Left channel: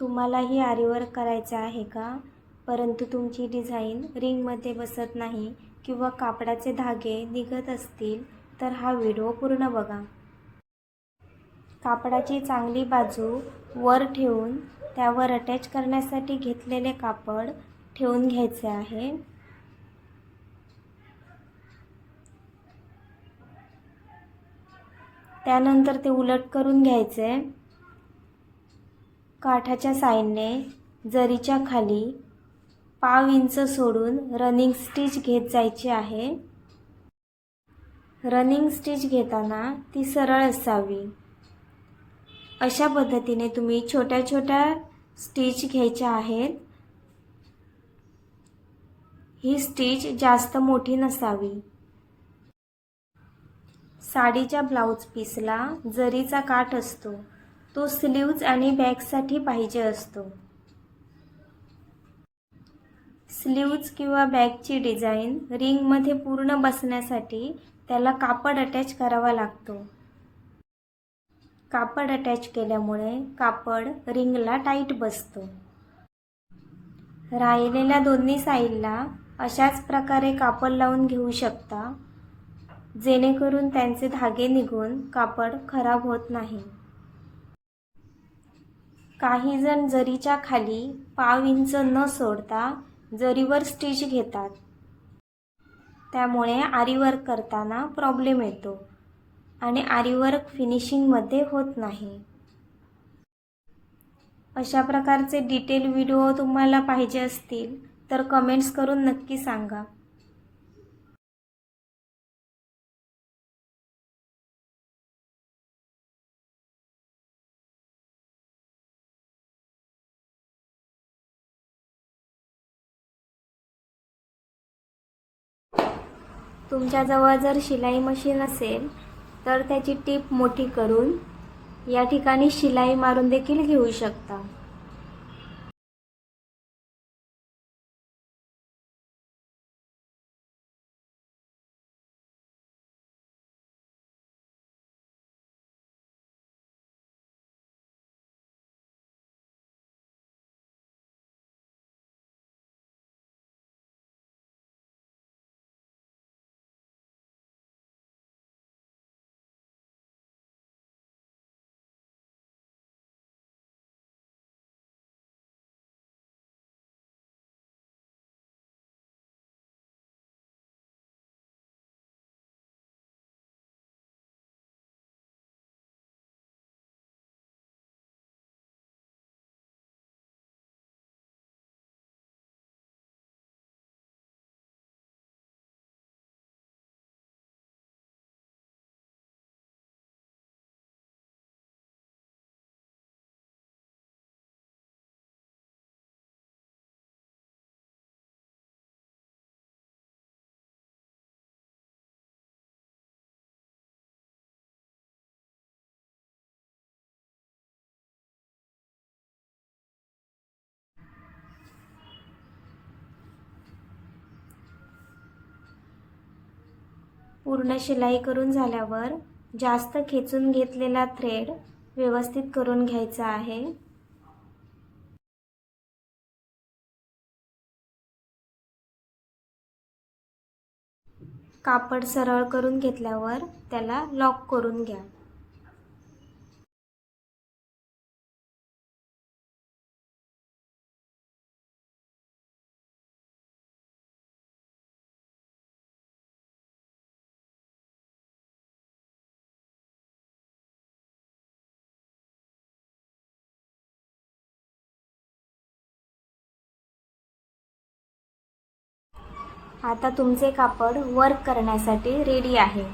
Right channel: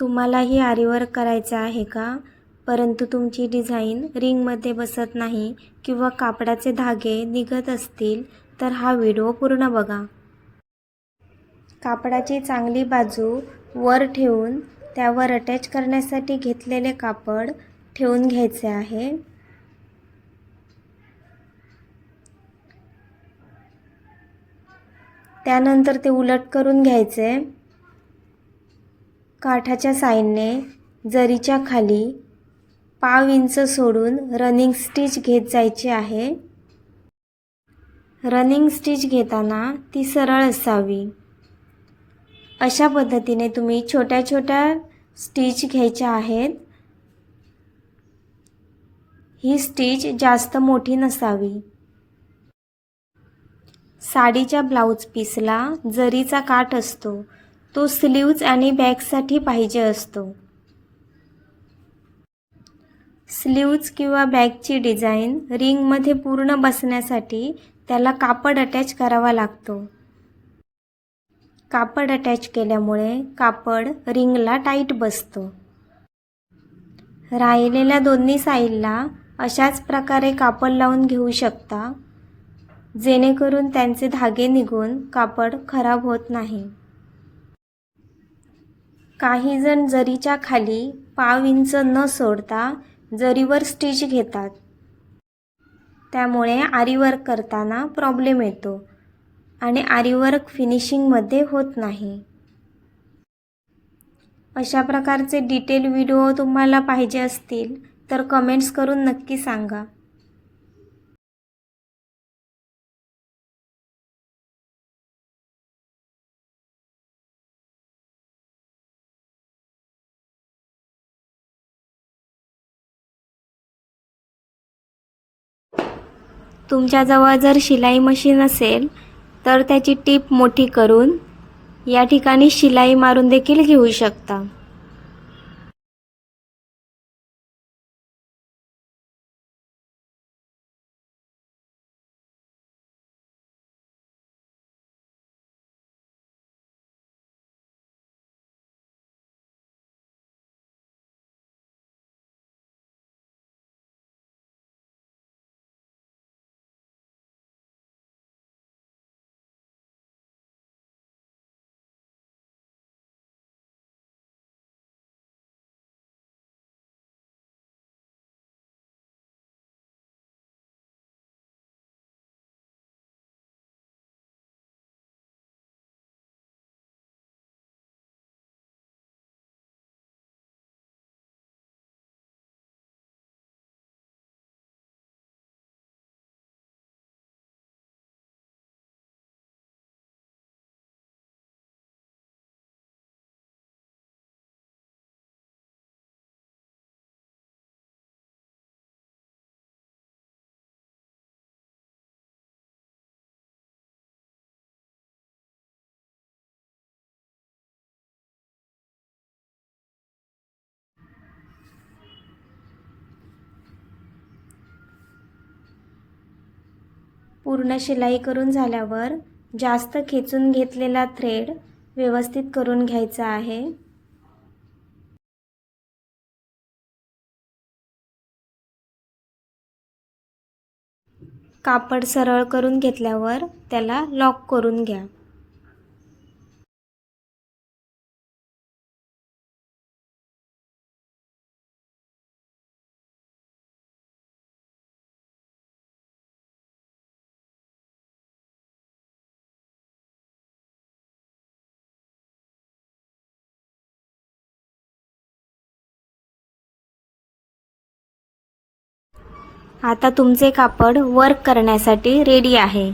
तुम्हालाही आरीवर्क करायचं आहे का? परंतु तुमची डिझाईन रिंगमध्ये बसत नाही किंवा कापडाचे धागे निघत असतील तर हा व्हिडिओ पूर्ण बघा. कापडाची चांगली बाजू वर ठेवून त्यावर अटॅच करण्यासाठी घेतलेले कापड ठेवून घ्यायचे आहे. त्यानंतर ते उलट करून घ्यायचे. काठाच्या साइडने जरीच्या खाली पाव इंच सोडून रनिंग स्टिच घेत जायची आहे. रनिंग स्टिच घेताना ती सरळ असावी. अशा पद्धतीने तुम्ही छोट्या छोट्या स्टिच घ्यायच्या आहेत. ही स्टिच जास्त मोठी नसावी. साडीच्या ब्लाउज पीसला जरीचा काठ असतो, तो स्लीव्ज आणि बॅकसाठी पाहिजे असतो. स्लीव्ज किंवा बॅकची डिझाईन रिंगमध्ये पूर्ण बसण्यासाठी त्याला कापड अटॅच करावा लागतो. कापड अटॅच केल्यामुळे कापड रिंगला टाईट बसतो. राहिलेल्या दोन्ही साईडला अशाच प्रकारे कापड लावून घेऊ शकता, जेणेकरून त्यांचे धागे निघून कापड खराब होत नाही. काही जण जरीच्या खाली पाव इंच न सोडता जरीवर स्टिच घेतात. त्यामुळे आरीवर्क करताना प्रॉब्लेम येतो आणि आरीवर्क फिनिशिंगमध्ये होत नाही. अशा प्रकारचे डिटेल व्हिडिओ तुम्हाला पाहिजे असतील तर कमेंट्स करून नक्की सांगा. तुमच्याजवळ जर शिलाई मशीन असेल तर त्याची टीप मोठी करून या ठिकाणी शिलाई मारून देखील घेऊ शकता. पूर्ण शिलाई करून झाल्यावर जास्त खेचून घेतलेला थ्रेड व्यवस्थित करून घ्यायचा आहे. कापड सरळ करून घेतल्यावर त्याला लॉक करून घ्या. आता तुमचे कापड वर्क करण्यासाठी रेडी आहे.